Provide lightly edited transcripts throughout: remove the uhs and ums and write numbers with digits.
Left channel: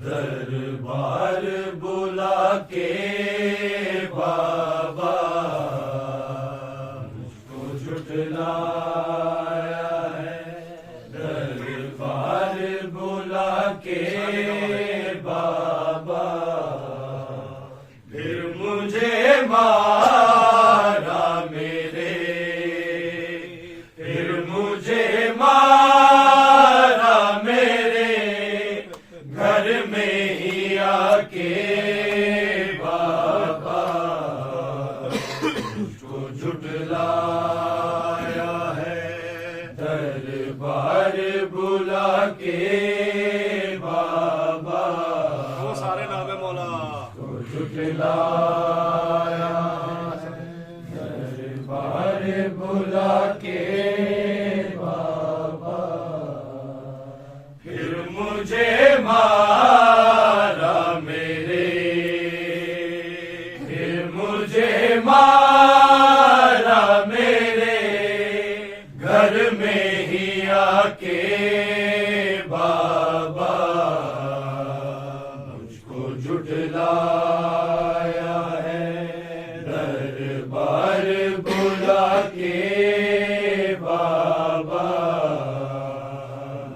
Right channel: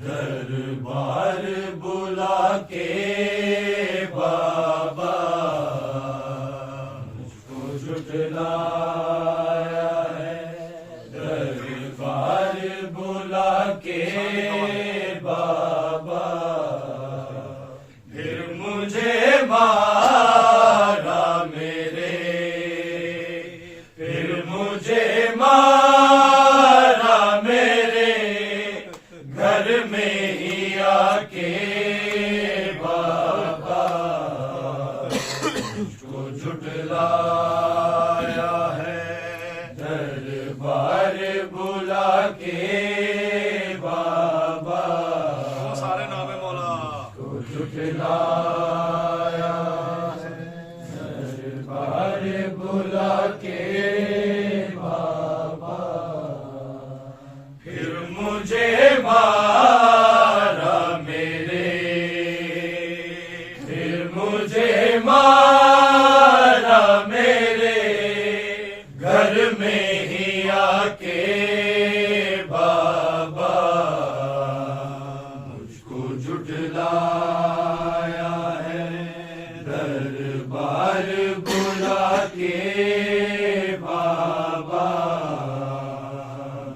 دربار بلا کے بابا مجھ کو جھٹلایا ہے، دربار بلا کے بابا پھر مجھے مارا میرے، پھر مجھے مارا میرے گھر میں ہی آ کے بابا مجھ کو جھٹلایا ہے، دربار بلا کے بابا وہ سارے نام ہے مولا کو جھٹلایا ہے، دربار بلا کے بابا پھر مجھے مارا میرے، پھر مجھے مارا میرے گھر میں ہی آ کے بابا مجھ کو جھٹلایا ہے، دربار بلا کے بابا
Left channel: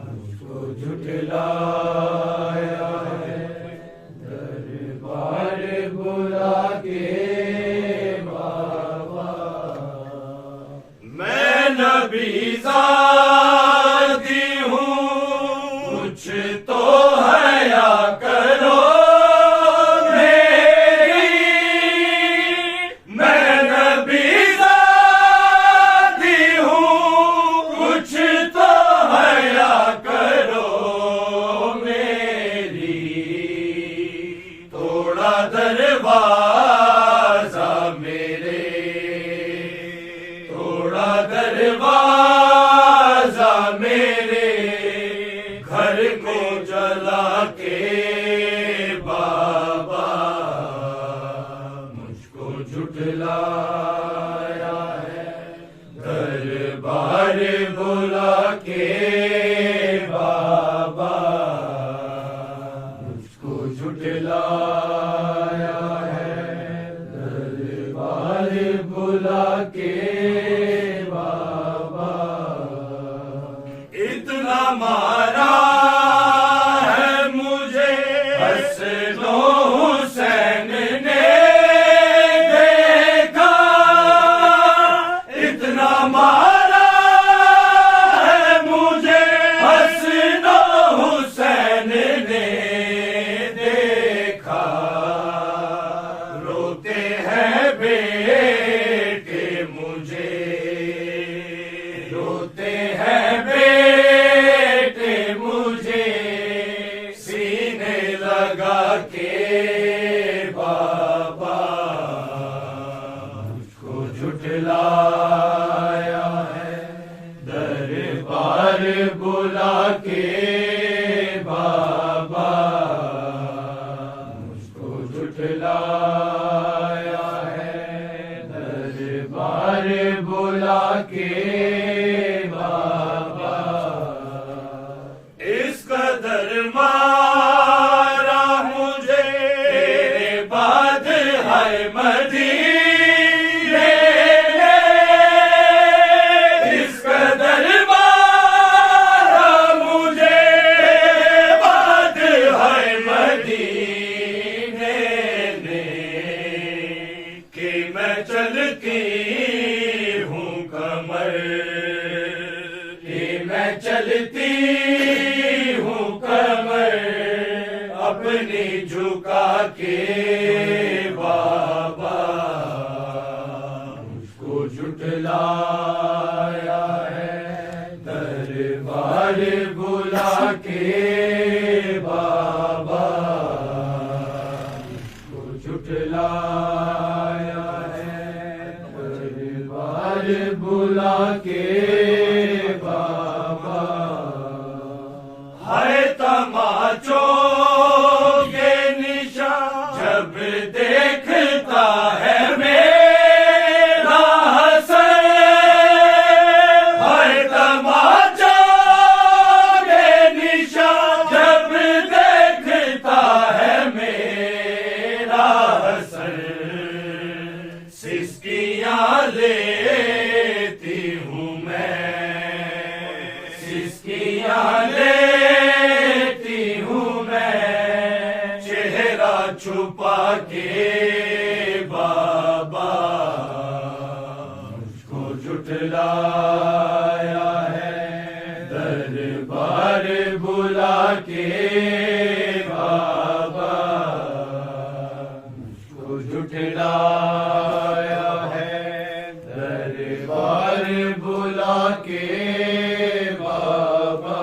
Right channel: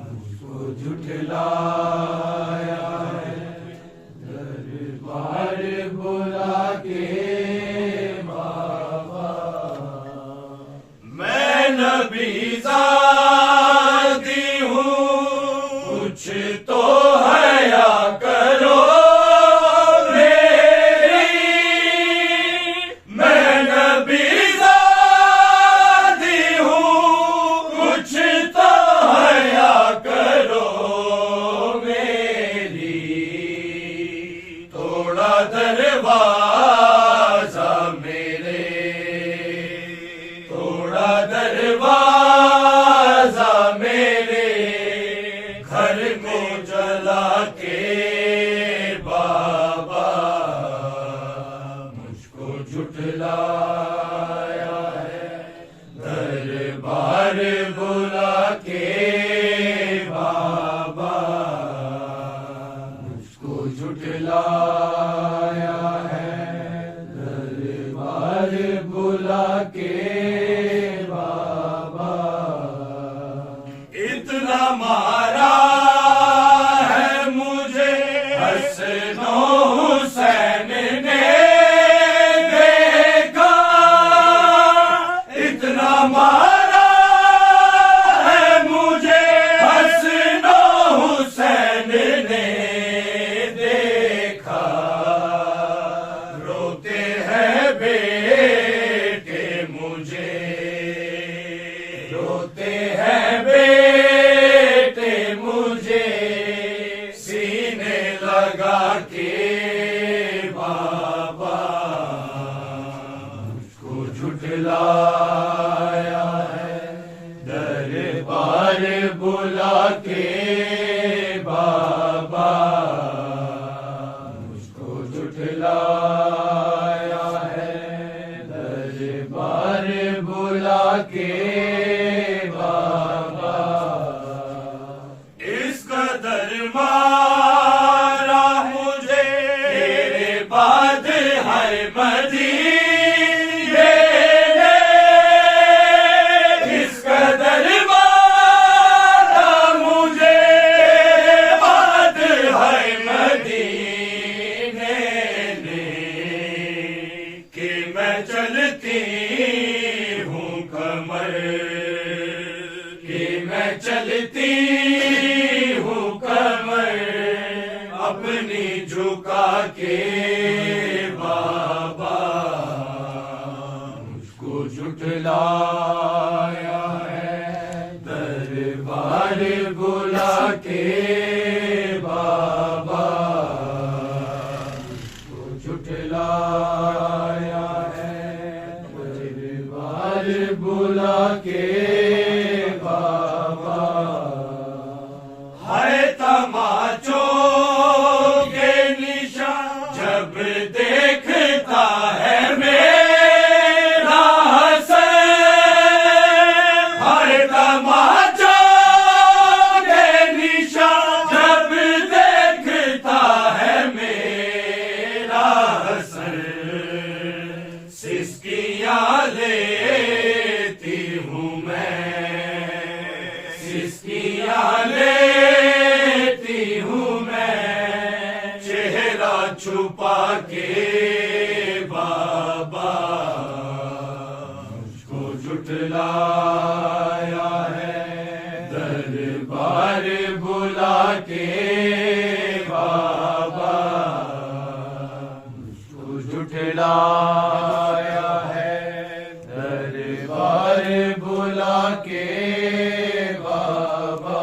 مجھ کو جھٹلایا ہے، دربار بلا کے بابا میں نبی زادی ہوں، کچھ تو حیا کرو میری، میں نبی زادی ہوں، کچھ تو حیا کرو میری، توڑا دروازہ میرے، توڑا دروازہ میرے گھر کو جلا کے بابا مجھ کو جھٹلایا ہے، دربار بلا کے بابا مجھ کو جھٹلایا ہے، دربار بلا کے بابا اتنا مارا ہے مجھے حسن و حسین نے دیکھا، اتنا مارا ہے مجھے حسن و حسین نے دیکھا، روتے ہیں بیٹے مجھے، روتے ہیں بیٹے مجھے سینے لگا کے بابا مجھ کو جھٹلایا ہے، دربار بلا کے بابا مجھ کو جھٹلایا ہے، دربار بلا کے بابا اس قدر مارا مجھے تیرے بعد ہے مدینے نے، اس قدر مارا مجھے تیرے بعد ہے مدینے نے کہ میں چلتی ہوں کمر، کہ میں چلتی ہوں کمر اپنی جھکا کے بابا مجھ کو جھٹلایا ہے، دربار بلا کے بابا مجھ کو جھٹلایا ہے، دربار بلا کے بابا ہے تماچوں چھپا کے بابا مجھ کو جھٹلایا ہے، دربار بلا کے بابا مجھ کو جھٹلایا ہے، دربار بلا کے بابا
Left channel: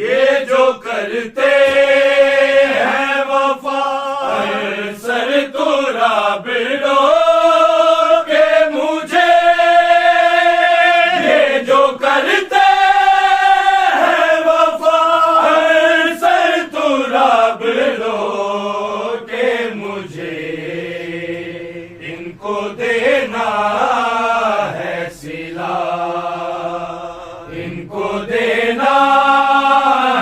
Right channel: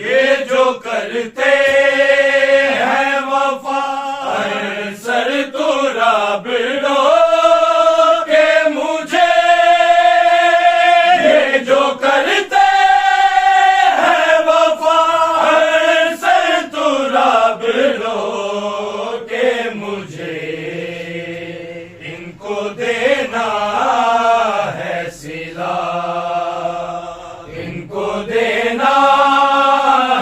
یہ جو کرتے ہیں وفا سر تو رابڑو کہ مجھے یہ جو کرتے ہیں وفا سر تو رابڑو کہ مجھے ان کو دینا ہے صلہ، ان کو دینا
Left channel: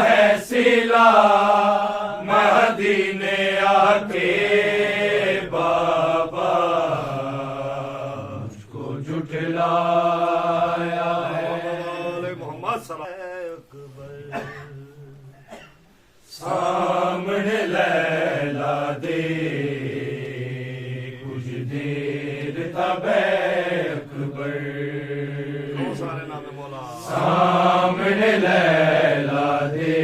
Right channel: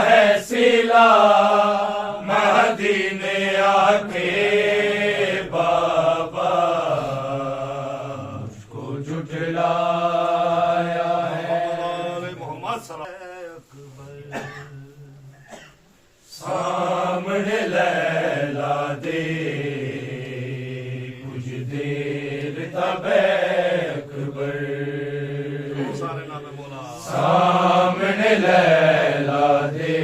ہے صلہ، مدینے آ کے بابا مجھ کو جھٹلایا ہے۔ محمد صلی اللہ علیہ وسلم سامنے لیلا دے کچھ دیر تب اکبر، بہت سارے نام مولا سامنے لیلا دے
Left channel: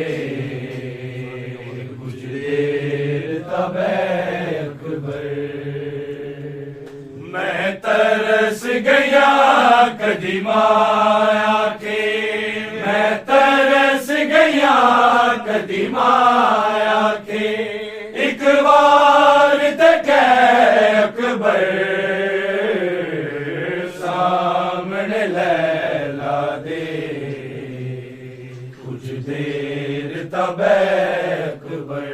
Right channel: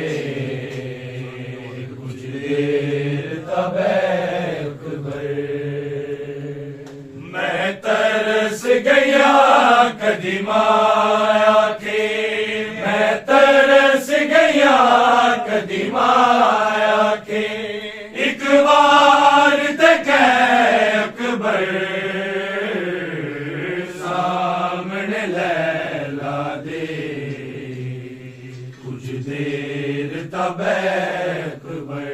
کچھ دیر تب اکبر، میں ترس گیا قدیم آیا کے، میں ترس گیا قدیم آیا کے، ایک بار تک اکبر سامنے لیلا دے کچھ دیر تب اکبر،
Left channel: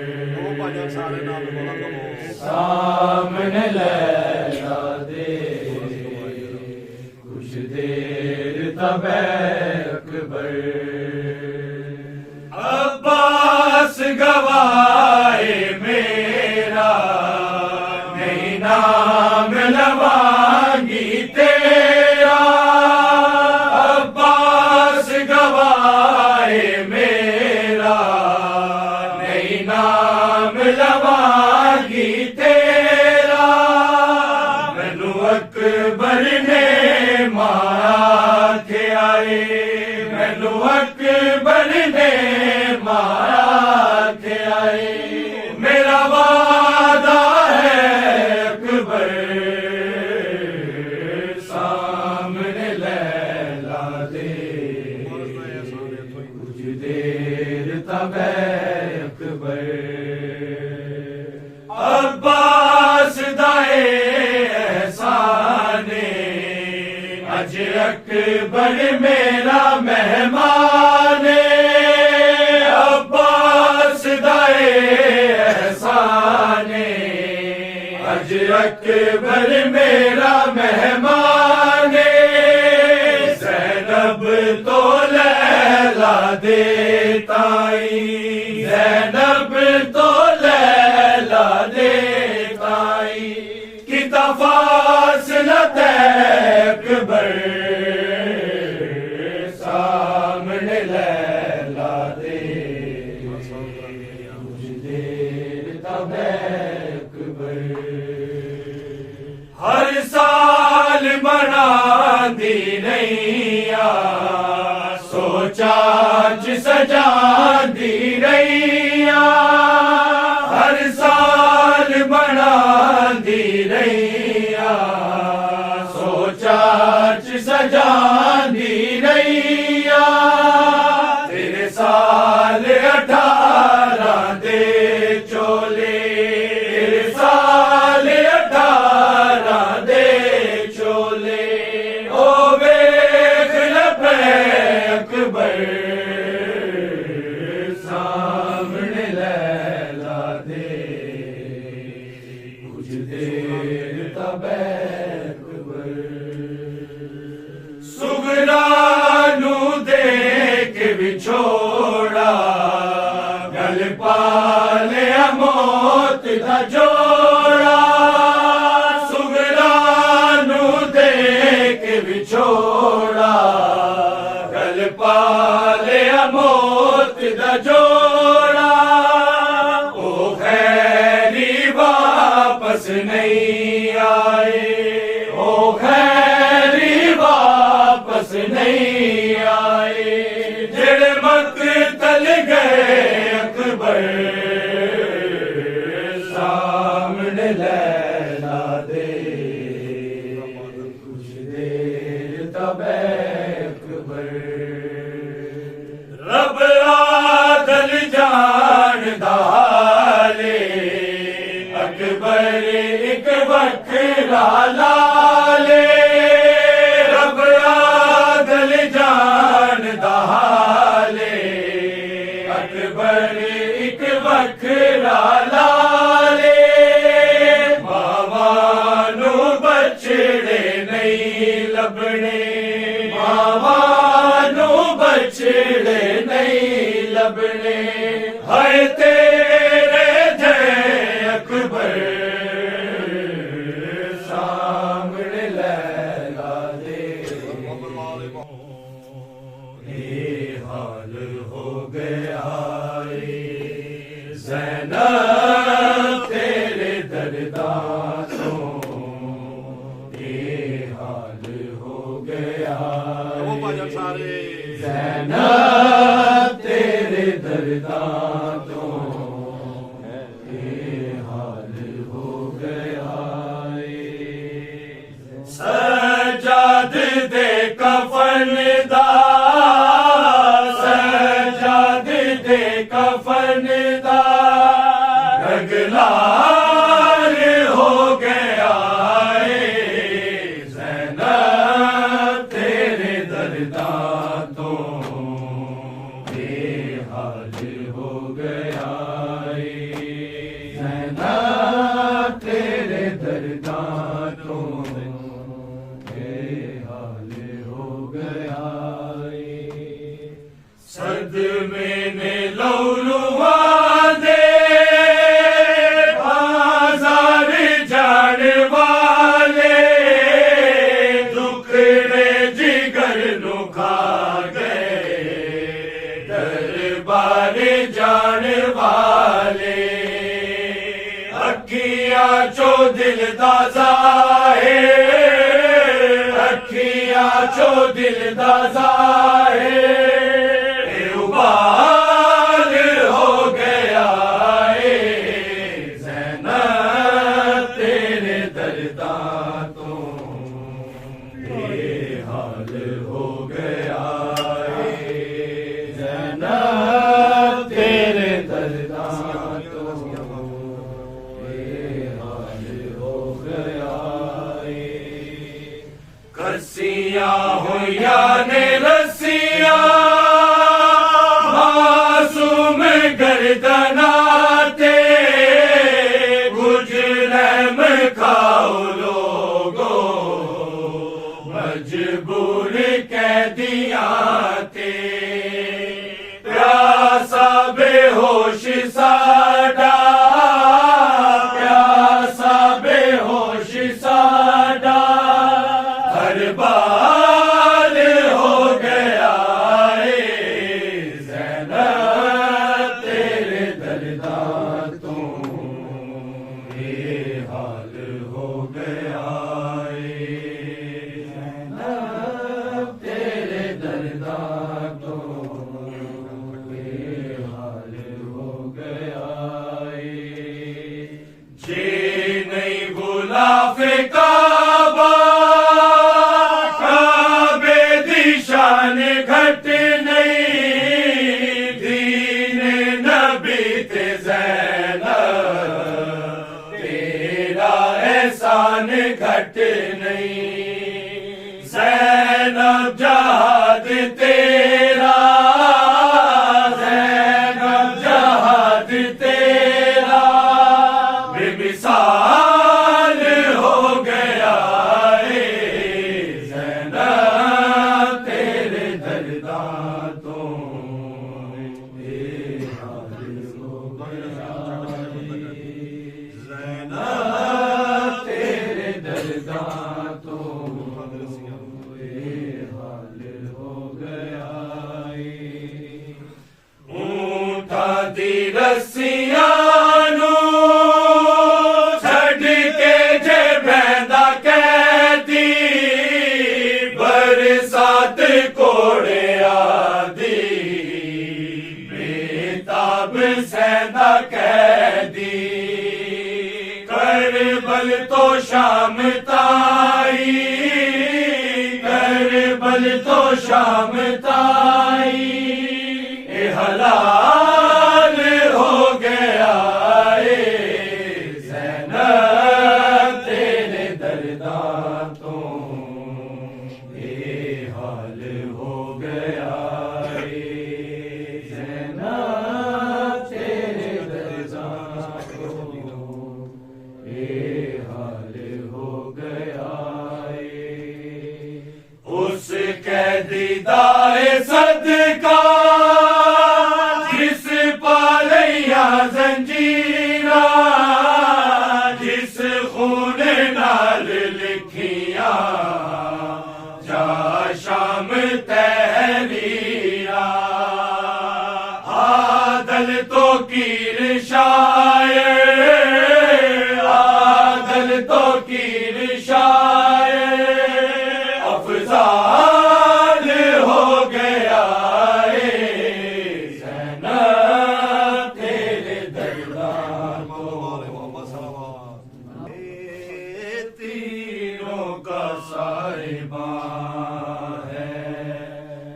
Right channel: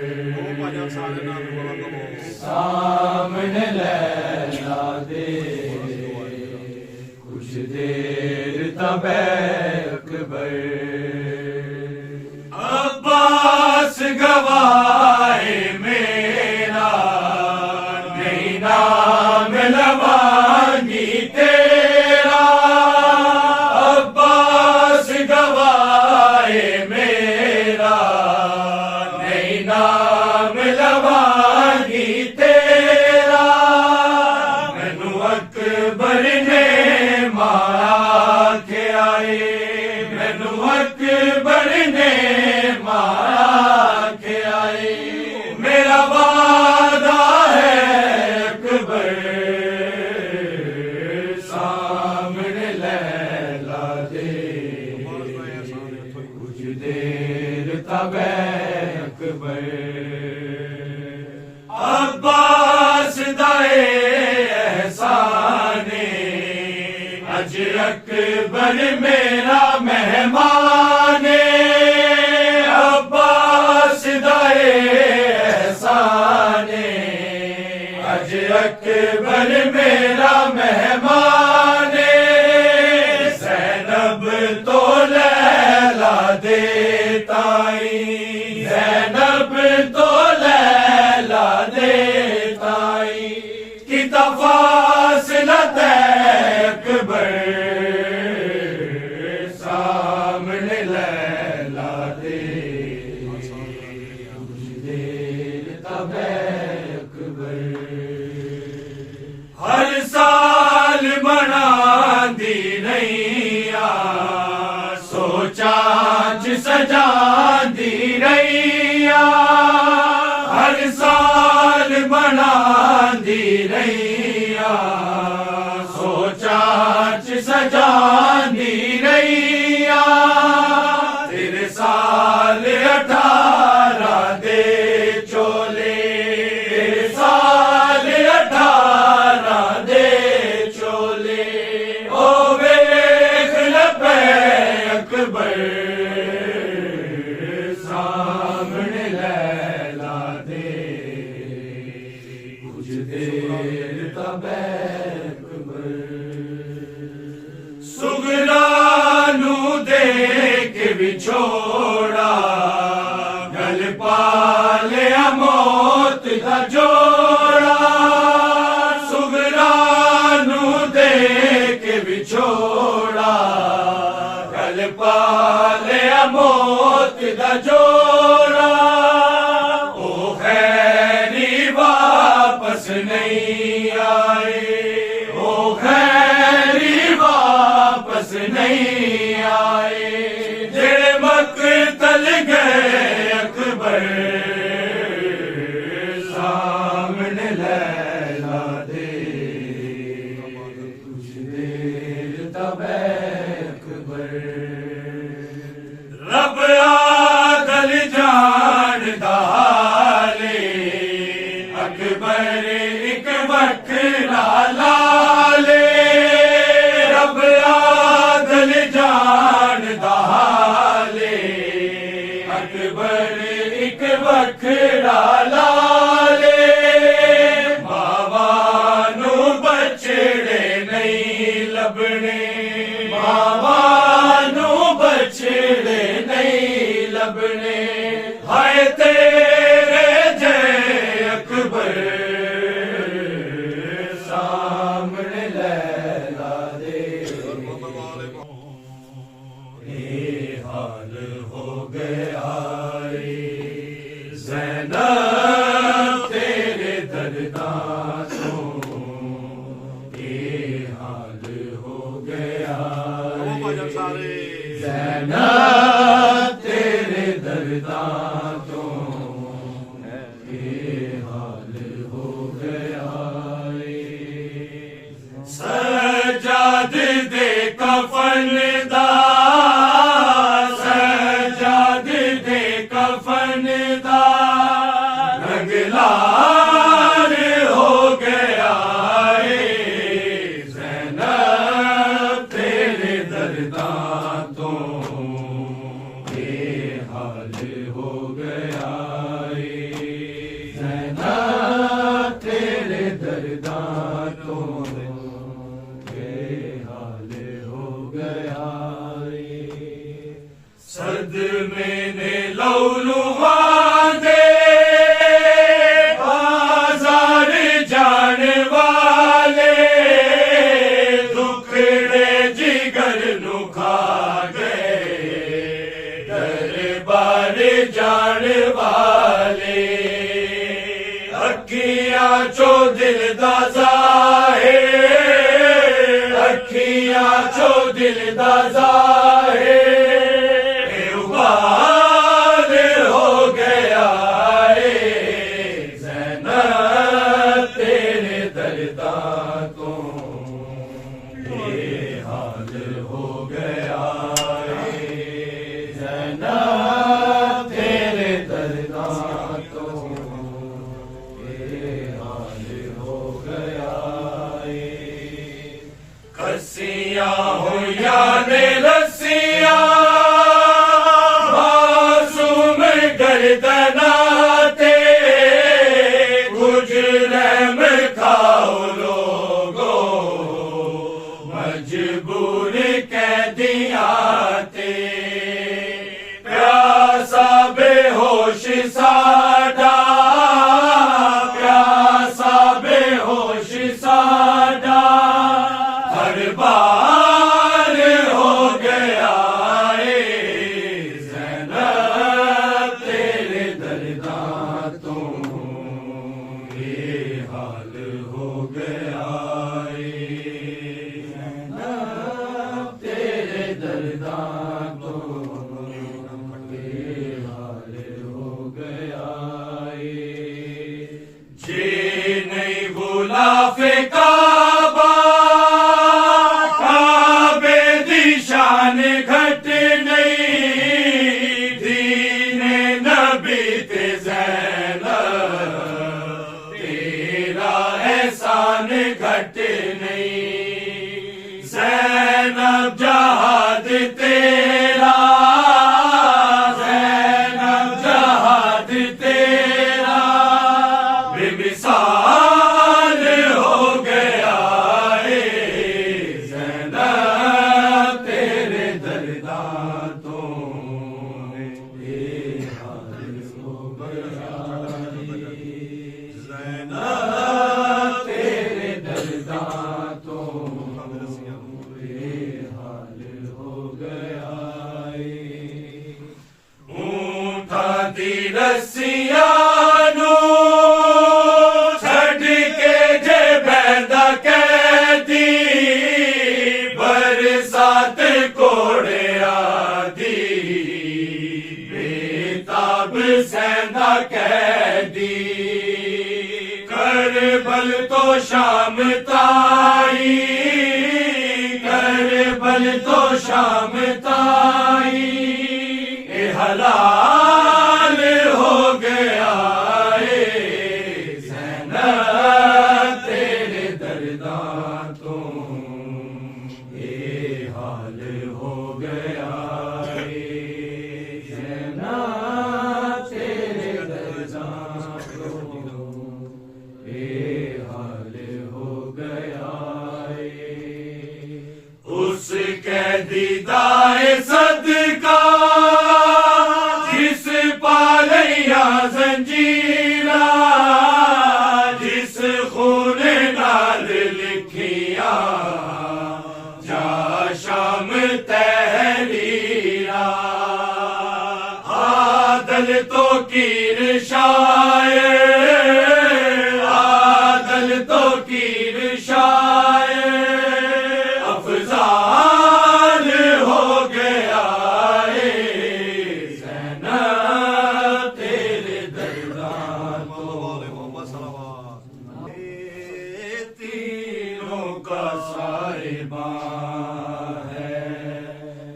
بھائی سارے نام مولا کو سامنے لیلا دے کچھ دیر تب اکبر، عباس گواہ میرا نہیں نام لوانگی تیرا، عباس گواہ میرا نہیں نام لوانگی تیرا، مینو اکبر نے مایا کے آئے، مینو اکبر نے مایا کے آئے، میرا وعدہ ہے اکبر سامنے لیلا دے کچھ دیر تب اکبر، عباس دائے احسانے اج اکبر میرا مہمان، عباس دائے احسانے اج اکبر میرا مہمان، زینب تو لیلا دے تائی، زینب تو لیلا دے تائی، کتا فاصلہ تے اکبر سامنے لیلا دے کچھ دیر تب اکبر، ہر سال منا دی نیا سوچا چ سجا دی نیا، ہر سال منا دی نیا سوچا چ سجا دی نیا، تیرے سال 18 دے چولے، تیرے سال 18 دے چولے، او ویکھ لبے اکبر سامنے لیلا دے کچھ دیر تب اکبر، سغرا نو دیکھ بچھوڑا گل پالیا موت دا جوڑا، سغرا نو دیکھ بچھوڑا گل پالیا موت دا جوڑا، او خیر اکبر سامنے لیلا دے کچھ دیر تب اکبر رب عادل جان دالے اکبر ایک وکھرا لالے رب عادل جان دالے اکبر ایک وکھرا لالے ماواں نوں بچڑے نہیں لبنے ماواں نوں بچڑے نہیں لبنے ہائے تیرے جے اکبر سامنے لیلا دے یہ حال ہو گیا زینب تیرے درداں تو یہ حال ہو گیا بھاجن سارے زینب تیرے درداں تو یہ حال ہو گیا سجاد دے کفن دا سجاد دے کفن دا رنگلار ہو گیا زینب تیرے درداں تو یہ حال ہو گیا زینب تیرے درداں تو یہ حال ہو گیا صدمے نے لولواں دے بازار جان والے دکھڑے جگر نو کھا گئے دربار جان والے اکھیاں چو دل دا ظاہر اکھیاں چو دل دا ظاہر ابال ہو گیا زینب تیرے درداں تو یہ حال ہو گیا زینب تیرے درداں تو یہ حال ہو گیا کسیاں ہویا نے رسیاں معصوم گردناتے کچھ رحم کھاؤ لوگو مجبور قیدیاں تے پیاسا بے ہوش ساڈا پیاسا بے ہوش ساڈا ہر بار ہو گیا زینب تیرے درداں تو یہ حال ہو گیا زینب تیرے درداں تو یہ حال ہو گیا جی نہیں غلاف کعبہ کعبے دی شان گھٹ نہیں دین نبی تے زینب تیرا احسان گھٹ نہیں زینب جہاد تیرا زینب جہاد تیرا بے مثال ہو گیا زینب تیرے درداں تو یہ حال ہو گیا زینب تیرے درداں تو یہ حال ہو گیا اونٹا دی رسیاں نو چھڈ کے جے بیندا قیدی برسات کوڑے آدی بے تاب سے رہندا قیدی کربل تو شام تائی کربل تو شام تائی اے حلال ہو گیا اے زینب تیرے درداں تو اے حال ہو گیا اے زینب تیرے درداں تو اے حال ہو گیا اے اس قیدی دائے صدقہ جس پالیا زنجیرہ جس خون نال لکھیا جا شام تحریرہ عادل تو کیر شاعر عادل تو کیر شاعر افضال ہو گیا اے زینب تیرے درداں تو تیروں کا صاحباں ہے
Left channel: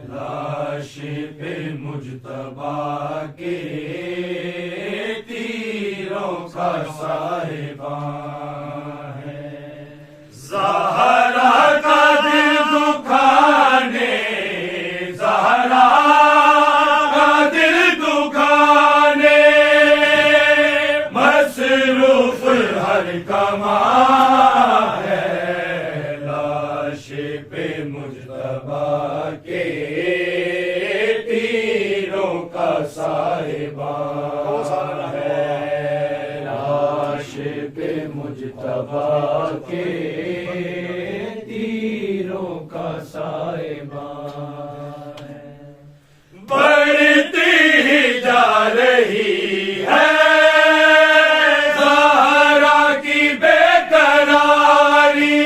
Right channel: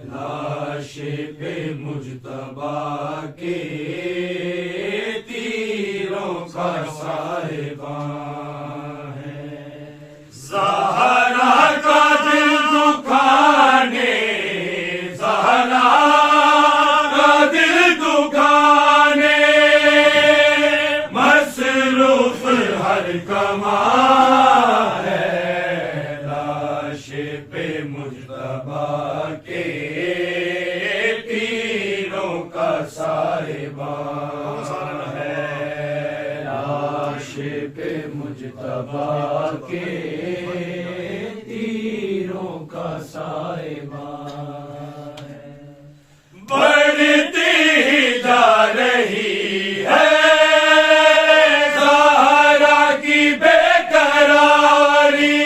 لاش پہ مجتبیٰ کے تیروں کا صاحباں ہے زہرا کا دل دکھانے زہرا کا دل دکھانے مصروف ہر کماں ہے لاش پہ مجتبیٰ کے تیروں کا صاحباں ہے لاش پہ مجتبیٰ کے تیروں کا صاحباں ہے بڑھتی ہی جا رہی ہے زہرا کی بے قراری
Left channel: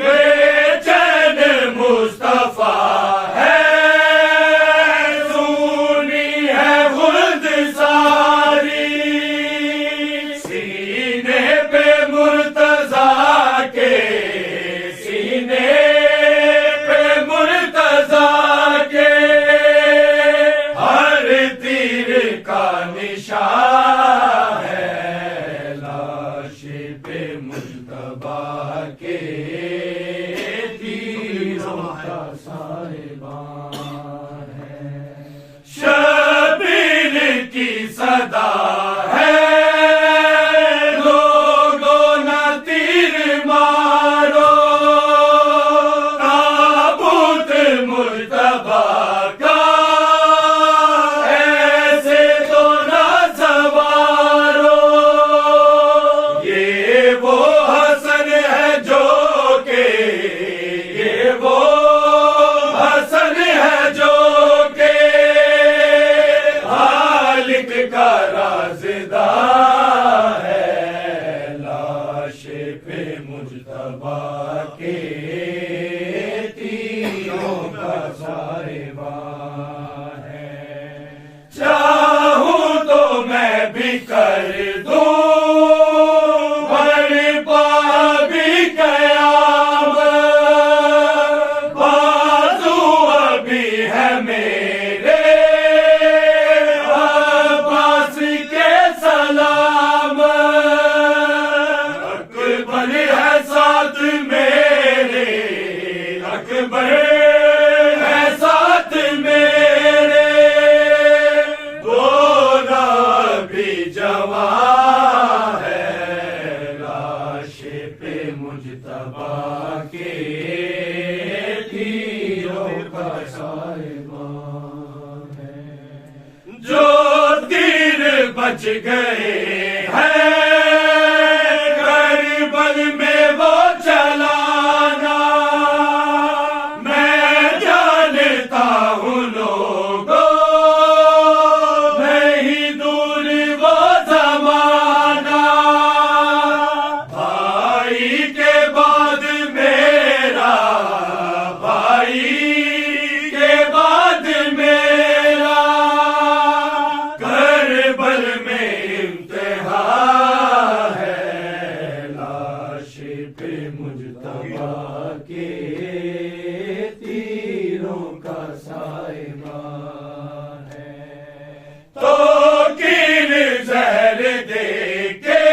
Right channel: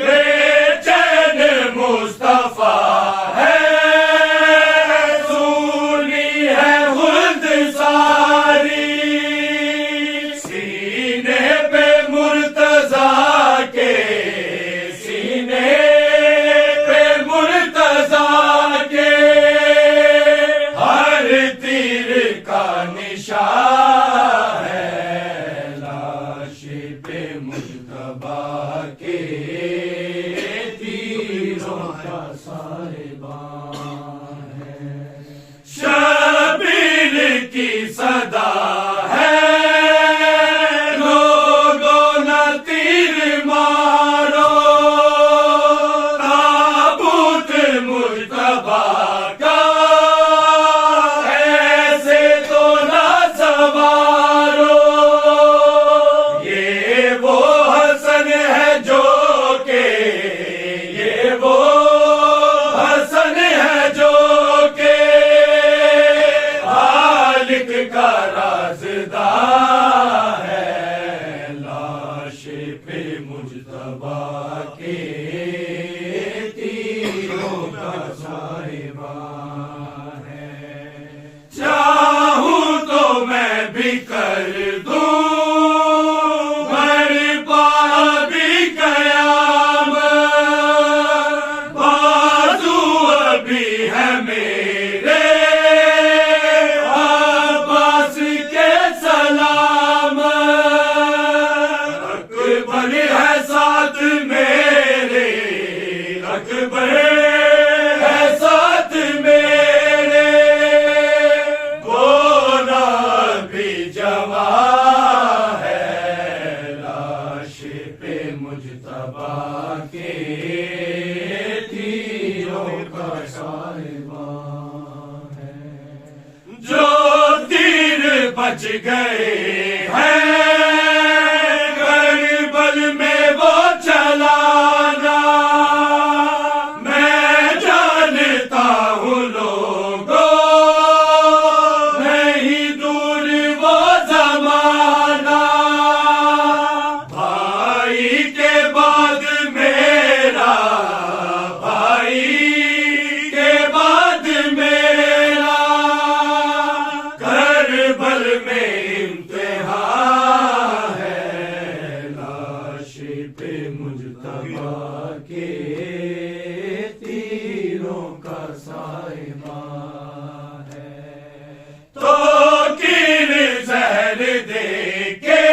بے چین مصطفیٰ ہے سونی ہے خلد ساری سینے پہ مرتضیٰ کے سینے پہ مرتضیٰ کے ہر تیر کا نشان ہے لاش پہ مجتبیٰ کے تیروں کا صاحباں ہے شبیر کی صدا ہے لوگوں نہ تیر مارو تابوت مجتبیٰ کا ایسے تو نہ سوارو یہ وہ حسن ہے جو کہ یہ وہ حسن ہے جو کہ خالق کا رازدار ہے لاش پہ مجتبیٰ کے تیروں کا صاحباں ہے چاہوں تو میں بھی کر دوں برپا بھی قیامت بازو ابھی ہے میرے عباس کے سلام اکبر ہے ساتھ میرے اکبر ہے ساتھ میرے گونا بھی جوان ہے لاش پہ مجتبیٰ کے تیروں کا صاحباں ہے جو تیر بچ گئے ہیں کربل میں وہ چلانا میں جانتا ہوں لوگوں نہیں دور وہ زمانہ بھائی کے بعد میرا بھائی کے بعد میرا کربل میں امتحان ہے، لاش پہ مجتبیٰ کے تیروں کا سائماں ہے، تو کیل زہر دے کے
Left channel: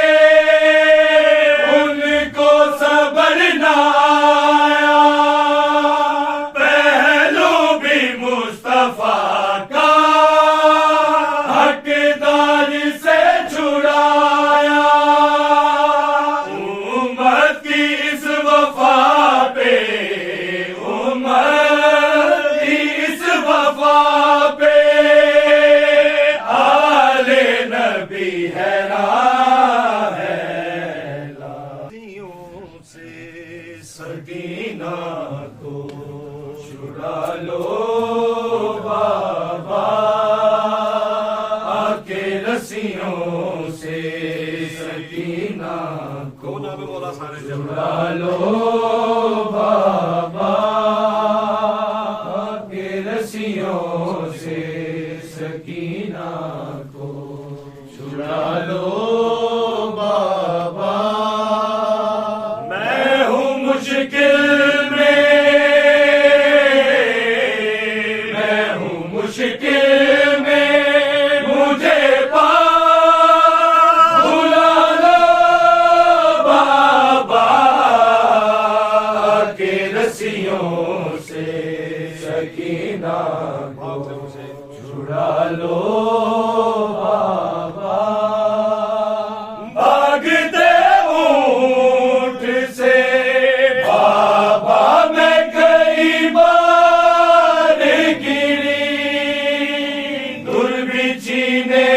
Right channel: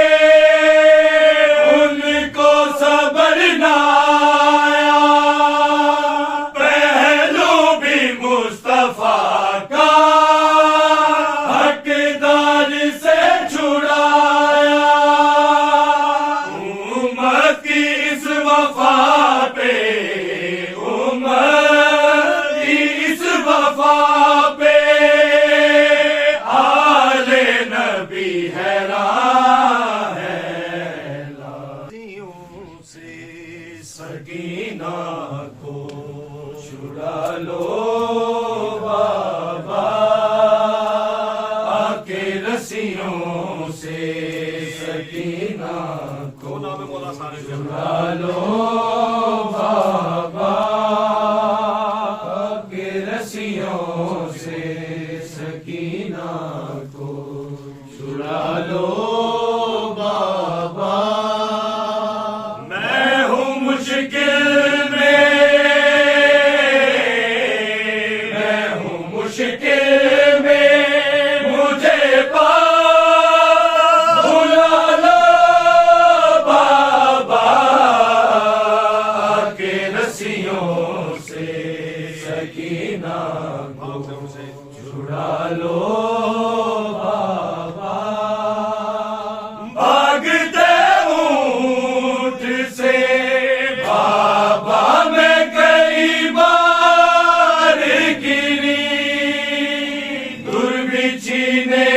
ان کو صبر نہ آیا، پہلو بھی مصطفیٰ کا حقدار سے چھڑایا، امت کی اس وفا پہ، امت کی اس وفا پہ آل نبی حیران ہے، لازیوں سے سکینہ کو چھڑا لو بابا، آ کے رسیوں سے سکینہ کو مولا سارے چھڑا لو بابا، آ کے رسیوں سے سکینہ کو چھڑا لو بابا، میں ہوں مشکل میں، میں ہوں مشکل میں، مجھے پاس بلا لو بابا، کے رسیوں سے سکینہ کو چھڑا لو بابا، بھاگتے اونٹ سے بابا میں کئی بار گری، دربچی نے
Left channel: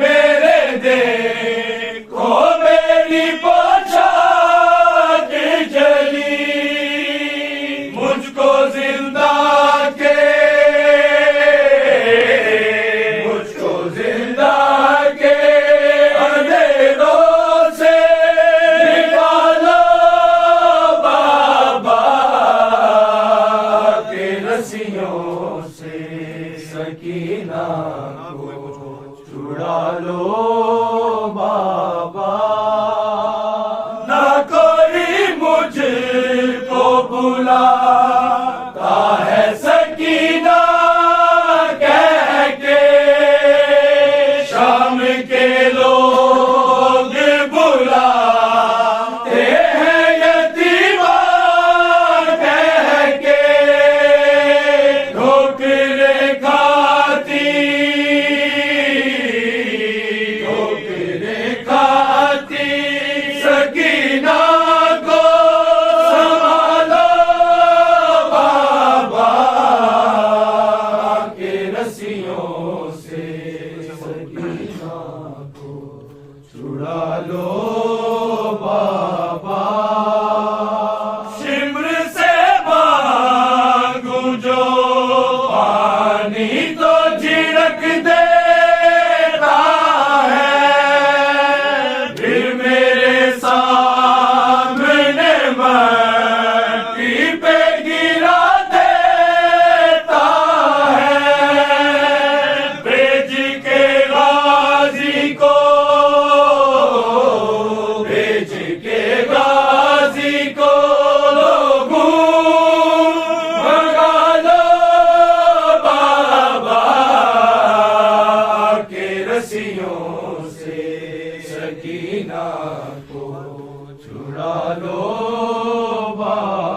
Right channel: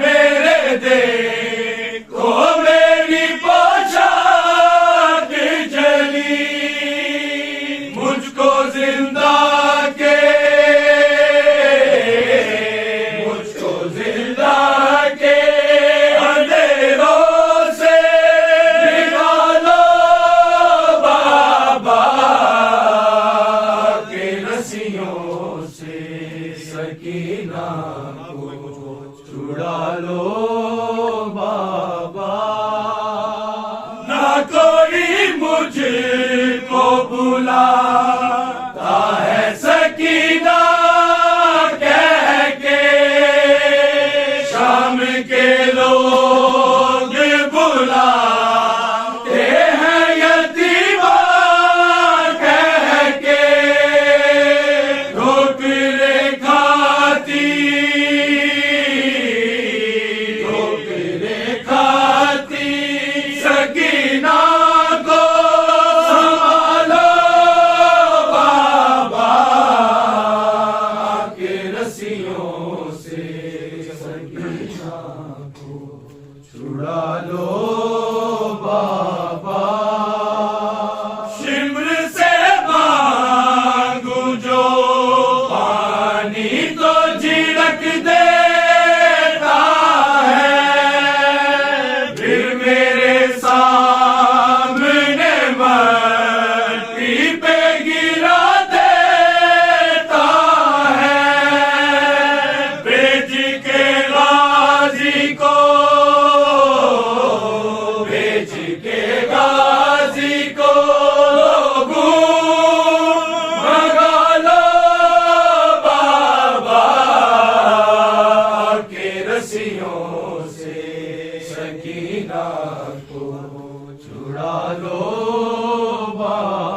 میرے دیکھو میری پوشاک جلی، مجھ کو زندہ کے، مجھ کو زندہ کے اندھیروں سے نکالو بابا، کے رسیوں سے سکینہ کو چھڑا لو بابا، نہ کوئی مجھ کو بلاتا ہے سکینہ کہہ کے، شام کے لوگ بلاتے ہیں یتیمہ کہہ کے، ٹھوکریں کھاتی، ٹھوکریں کھاتی سکینہ کو سنبھالو بابا، کے رسیوں سے سکینہ کو چھڑا لو بابا، شمر سے مانگو جو پانی تو جھڑک دیتا ہے، پھر میرے سامنے مٹی پہ گرا دیتا ہے، بھیج کے غازی کو، بھیج کے غازی کو لوگوں منگا لو بابا، کے رسیوں سے سکینہ کو چھڑا لو بابا۔